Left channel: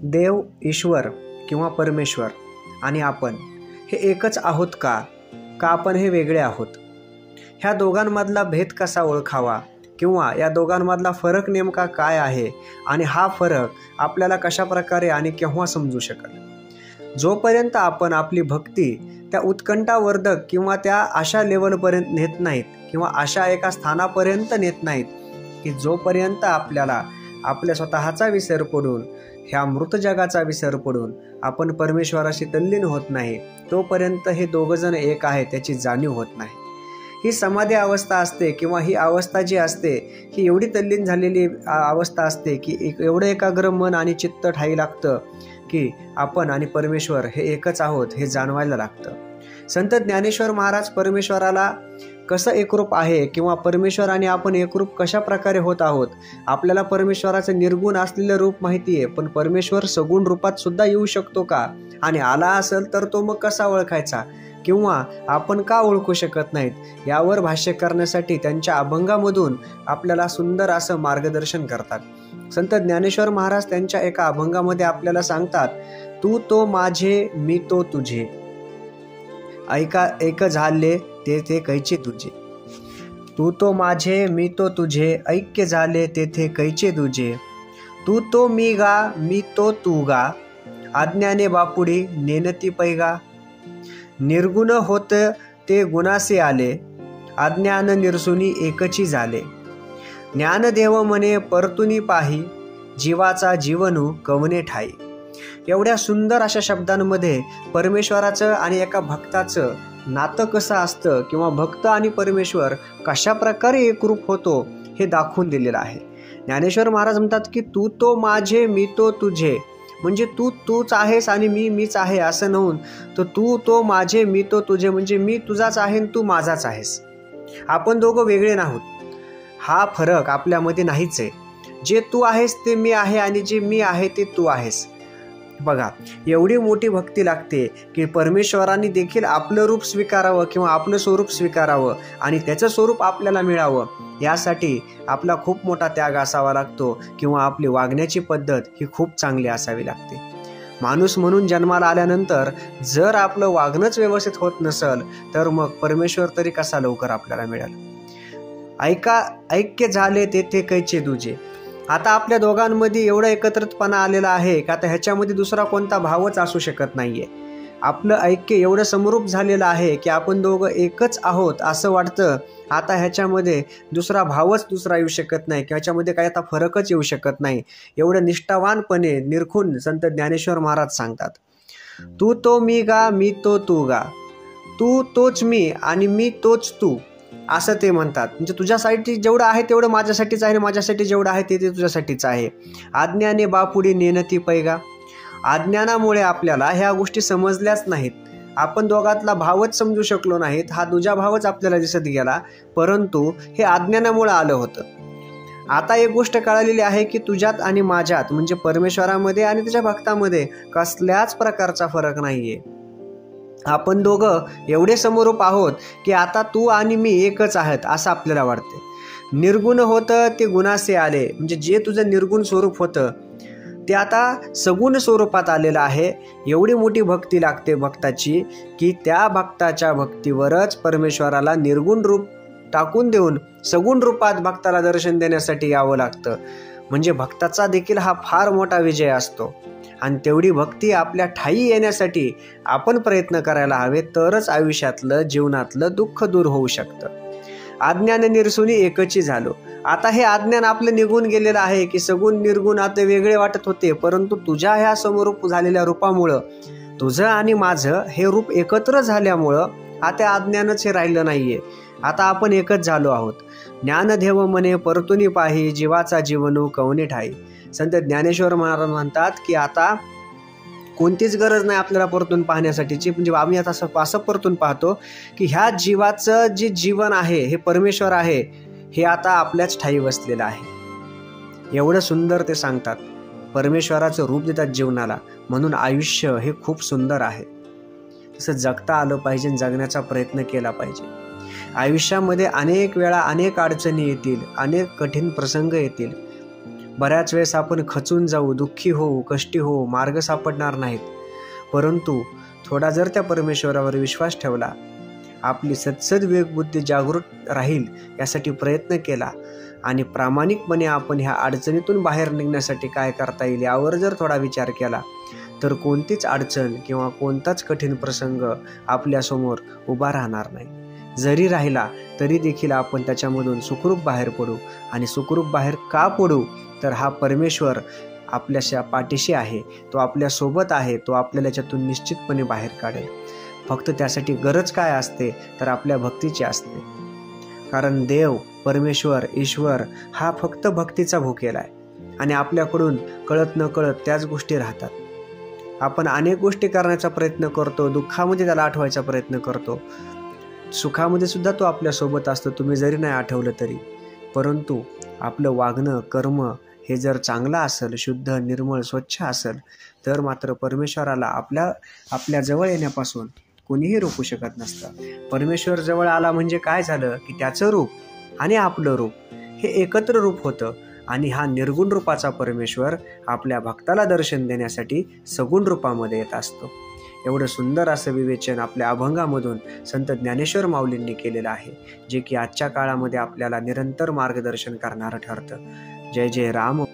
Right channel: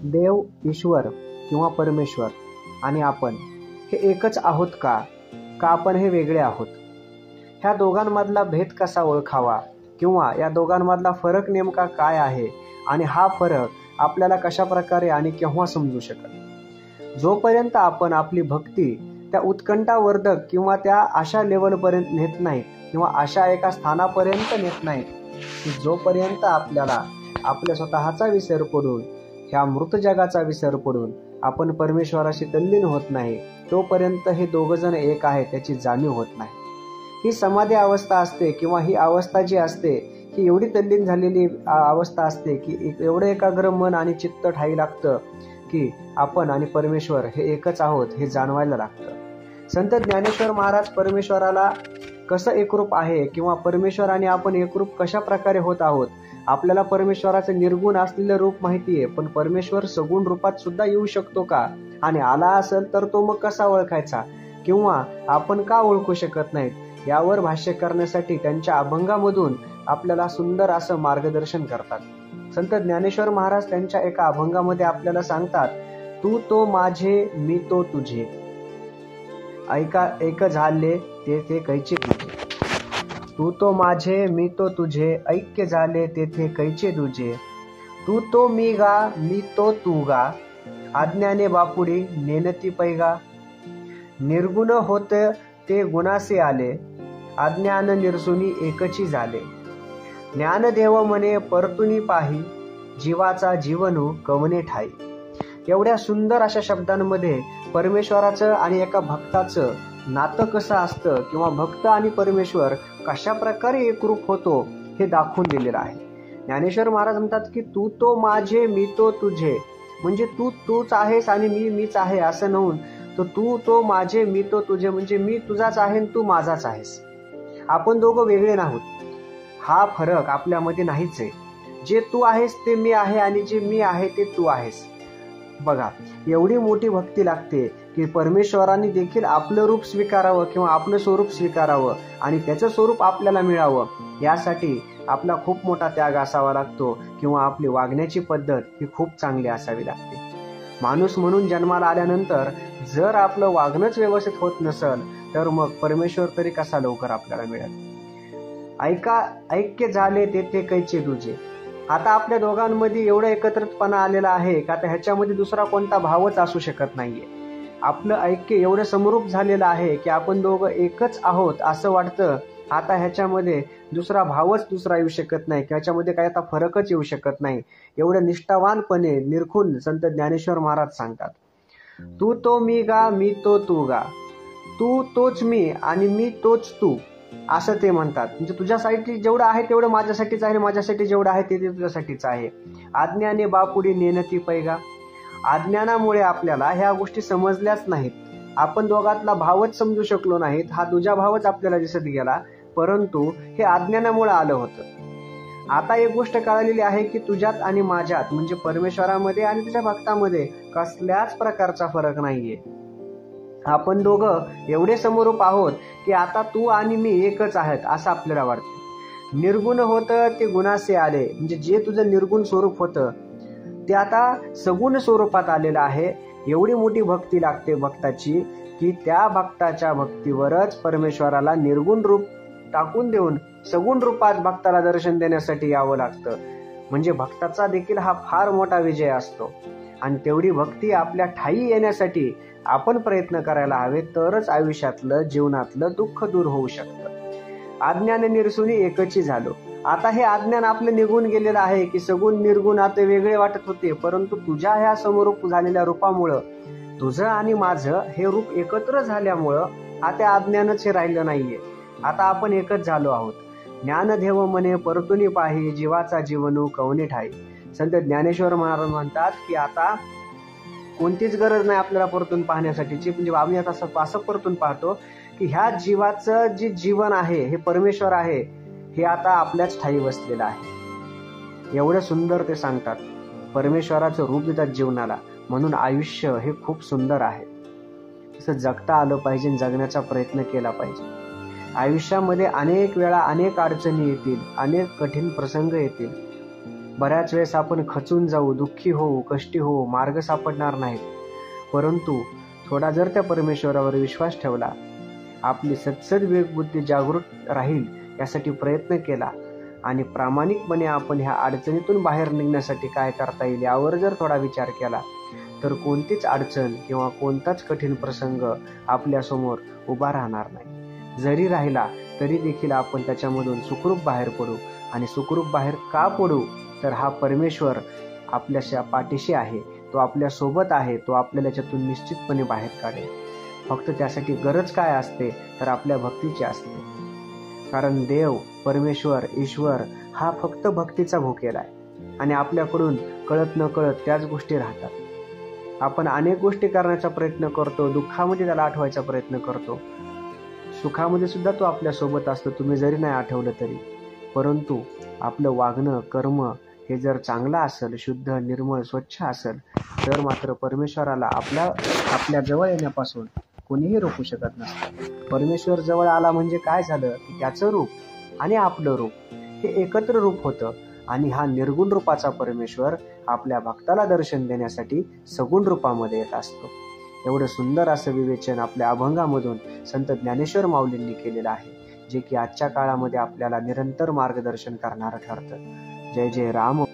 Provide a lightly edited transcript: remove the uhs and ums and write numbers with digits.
देव, ईश्वर किंवा परमेश्वर आणि आपण हे एकच आहोत का आपण हे वेगळे आहोत? ह्या दोघांमधला भेद कसा ओळखावा किंवा या दोघांमधला फरक नेमका काय आहे आणि हा फरक आपल्याला कशा प्रकारे आणि केव्हा समजू शकेल? जोपर्यंत आपण आपली भक्ती त्या उत्कंठावर्धक किंवा त्या अशा लेवलपर्यंत नेत नाहीत किंवा अशा एका स्थानापर्यंत नेत नाहीत की जोपर्यंत आपल्याला आपल्या स्वतःचा विसर पडून, ह्या मृत जगाचा विसर पडून आपण परमेश्वराशी तल्लीन होत नाही, तोपर्यंत हे दोघंजण एक आहे त्याची जाणीव होत नाही. ही समाधी अवस्था असते किंवा ही अवस्था जी असते ही एवढी तल्लीन झालेली अवस्था असते की एवढं एकाग्र मन आणि चित्त ठाई लागतं की आपण आणि परमेश्वर हे एकच आहोत हे जाणवायला लागतं. संत ज्ञानेश्वर महाराज परमेश्वराला कसं एकरूप आहे किंवा परमेश्वर आणि आपण एकरूप कशा प्रकारे होत आहोत, आपल्याला परमेश्वराचं निर्गुण असलेलं रूप माहिती आहे, पण परमेश्वर सगुण रूपात सुद्धा येऊ शकतो का आणि आला असेल तर तो मग कसा ओळखायचा किंवा आपण का ओळखू शकत नाहीत, यावर भाष्य करण्यासाठी त्यांच्या अभंगामधून आपल्याला सुंदर असं मार्गदर्शन करतात. संत ज्ञानेश्वर महाराज त्यांच्या एका अभंगामध्ये आपल्याला सांगतात, तू तो माझे मी तो तुझे, ऐका एक झाले तेथे कैचे तुझे. तू तो माझे मी तो तुझे, ऐक्य झाले तेथे कैचे तुझे. तू तो मी गा मी तो तू गा, अज्ञाने बापुडी नेनती पैगा. निर्गुण होत ते गुणासे आले, अज्ञान निरसुनी एकची झाले. ज्ञानदेव मने परतुनी पाही, जीवाचा जीवनू कवने ठाई. एवढ्या सुंदर अशा शब्दांमध्ये परमेश्वराचं आणि एका भक्ताचं नातं कसं असतं किंवा भक्त आणि परमेश्वर कशा प्रकारे एकरूप होतो हे दाखवून दिलेलं आहे. ज्ञानेश्वर महाराज म्हणतात की तू तो माझे मी तो तुझे, म्हणजे तू तूच आहेस आणि मी मीच आहे असं नव्हून, तर तू तो माझे मी तो तुझे म्हणजे मी तुझाच आहे आणि तू माझाच आहेस. आपण दोघं वेगळे नाहीत, हा फरक आपल्यामध्ये नाहीच आहे. जे तू आहेस ते मी आहे आणि जे मी आहे ते तू आहेस. बघा, एवढी मोठी भक्ती लागते की परमेश्वरांनी देखील आपलं रूप स्वीकारावं किंवा आपलं स्वरूप स्वीकारावं आणि त्याचं स्वरूप आपल्याला मिळावं, यासाठी आपला खूप मोठा त्याग असावा लागतो किंवा आपली वागण्याची पद्धत ही खूप चांगली असावी लागते. माणूस म्हणून जन्माला आल्यानंतर जर आपलं वागणंच व्यवस्थित होत नसेल तर मग परमेश्वर तरी कसा लवकर आपल्याला मिळेल. ऐक्य झाले तेथे कैचे तुझे. आता आपल्या दोघांमध्ये एवढा एकत्रितपणा आलेला आहे का आता ह्याच्यामध्ये दुसरा कोणता भावच असू शकत नाहीये. आपलं ऐक्य एवढं समरूप झालेलं आहे की आपण दोघं एकच आहोत असं वाटतं. आता ह्याच्यामध्ये दुसरा भावच दुसरा येऊ शकत नाही किंवा ह्याच्यामध्ये काही आता फरकच येऊ शकत नाही. एवढं निष्ठावानपणे निरखून संत ज्ञानेश्वर महाराज सांगतात, तू तो मी गा मी तो तू गा. तू तोच मी आणि मी तोच तू असं ते म्हणतात. म्हणजे तुझ्यासाठी जेवढं आहे तेवढं माझ्यासाठीच आहे, माझ्यासाठी जेवढं आहे ते तुझ्यासाठीच आहे. आज्ञाने बापुडी नेनती पैगा. अज्ञानामुळे आपल्याला ह्या गोष्टी समजल्याच नाहीत, आपण दोघातला भावच समजू शकलो नाहीत, हा दुजा भावच आपल्याला दिसत गेला, परंतु हे अज्ञानामुळे आलं होतं. आता एक गोष्ट कळालेली आहे की तुझ्यात आणि माझ्यात म्हणजे परमेश्वरामध्ये आणि तुझ्या भक्तामध्ये कसल्याच प्रकारचा फरक नाहीये. आपण दोघं एवढे समरूप आहोत की आता तू आणि मी एकच आहेत असं आपल्याला वाटते. निर्गुण होतं ते गुणासे आले, म्हणजे जे तुझं निर्गुण स्वरूप होतं ते आता सगुण स्वरूपात आलेलं आहे. एवढी मोठी भक्ती लागते भक्ताची की त्या भक्ताच्या भक्तीवरच परमेश्वराला निर्गुण रूप टाकून देऊन सगुण रूपात भक्ताला दर्शन देण्यासाठी यावं लागतं. म्हणजे भक्ताचा देखील हा फार मोठा विजय असतो आणि तेवढी भक्ती आपल्या ठाई येण्यासाठी आपण प्रयत्न करायला हवे, तरच आयुष्यातलं जीवनातलं दुःख दूर होऊ शकतं. अज्ञान निरसुनी एकची झालो. आता हे अज्ञान आपलं निघून गेलेलं आहे की सगुण निर्गुण आता वेगळे वाटत होते, परंतु तुझ्या ह्या समरूप झालेल्या रूपामुळं तुझं आणि माझं हे रूप एकत्र झाल्यामुळं आता अज्ञानच हे राहिलं नाहीये. आता आपण एकच झालो आहोत. ज्ञानदेव मने परतुनी पाही, जीवाचा जीवनू कवने ठाई. संत ज्ञानेश्वर महाराज म्हणतात की आता कोणतीच गरज नाही आपल्याला परतून पाहण्यासाठीची. म्हणजे आम्ही आता असं परतून पाहतो की ह्या जीवाचं जे जीवन आहे हे परमेश्वर आहे, हे आता आपल्याच ठाई बसलेलं आहे. एवढं सुंदर ते सांगतात. परमेश्वराचं रूप देतात जीवनाला, म्हणून आयुष्य हे खूप सुंदर आहे. तसं जगता आलं पाहिजे, जगण्याचा प्रयत्न केला पाहिजे. आयुष्यामध्ये अनेक वेळा अनेक अडचणी येतील, अनेक कठीण प्रसंग येतील, बऱ्याच वेळेस आपण खचून जाऊ, दुःखी होऊ, कष्टी होऊ, मार्ग सापडणार नाहीत. परंतु थोडा जर त्या परमेश्वरावर विश्वास ठेवला, आपली सद्सद विवेकबुद्धी जागृत राहील यासाठी प्रयत्न केला आणि प्रामाणिकपणे आपण ह्या अडचणीतून बाहेर निघण्यासाठी काय करता येईल यावर जर थोडा विचार केला, तर कोणतीच अडचण किंवा कोणताच कठीण प्रसंग आपल्यासमोर उभा राहणार नाही. जरी राहिला तरी देखील आपण त्याच्यामधून सुखरूप बाहेर पडू. आणि सुखरूप बाहेर का पडू? तर हा परमेश्वर आपल्याच्या पाठीशी आहे, तो आपल्यासोबत आहे, तो आपल्याला याच्यातून निश्चितपणे बाहेर काढेल. फक्त त्यासाठी गरज काय असते? तर आपल्या भक्तीची असते. कारण देव, परमेश्वर, ईश्वर हा फक्त भक्तीचा भुकेला आहे आणि आपल्याकडून कळत न कळत त्याच गोष्टी राहतात. आपण अनेक गोष्टी करण्याचा प्रयत्न करतो, दुःखामध्ये त्याला आठवायचा प्रयत्न करतो, सुखामध्ये सुद्धा तो आपल्यासोबत असतो, तुम्ही जरी नाही आठवलं तरी. परंतु आपलं वागणं, कर्म हे जर चांगलं असेल, शुद्ध, निर्मळ, स्वच्छ असेल, तर मात्र परमेश्वराला आपल्या जवळ येण्यापासून कोणीही रोखू शकत नसतं. परमेश्वर जवळ आला म्हणजे काय झालं की त्याचं रूप आणि आपलं रूप हे एकत्र रूप होतं आणि हा निर्गुण रूपाचा परमेश्वर आपल्या भक्ताला दर्शन देण्यासाठी सगुण रूपामध्ये येत असतो. एवढं सुंदर असं विवेचन आपल्या अभंगामधून संत ज्ञानेश्वर माऊलींनी केलेलं आहे, जे की आजच्या काळामध्ये आपल्याला निरंतर मार्गदर्शन करणारं ठरतं. जय जय राम.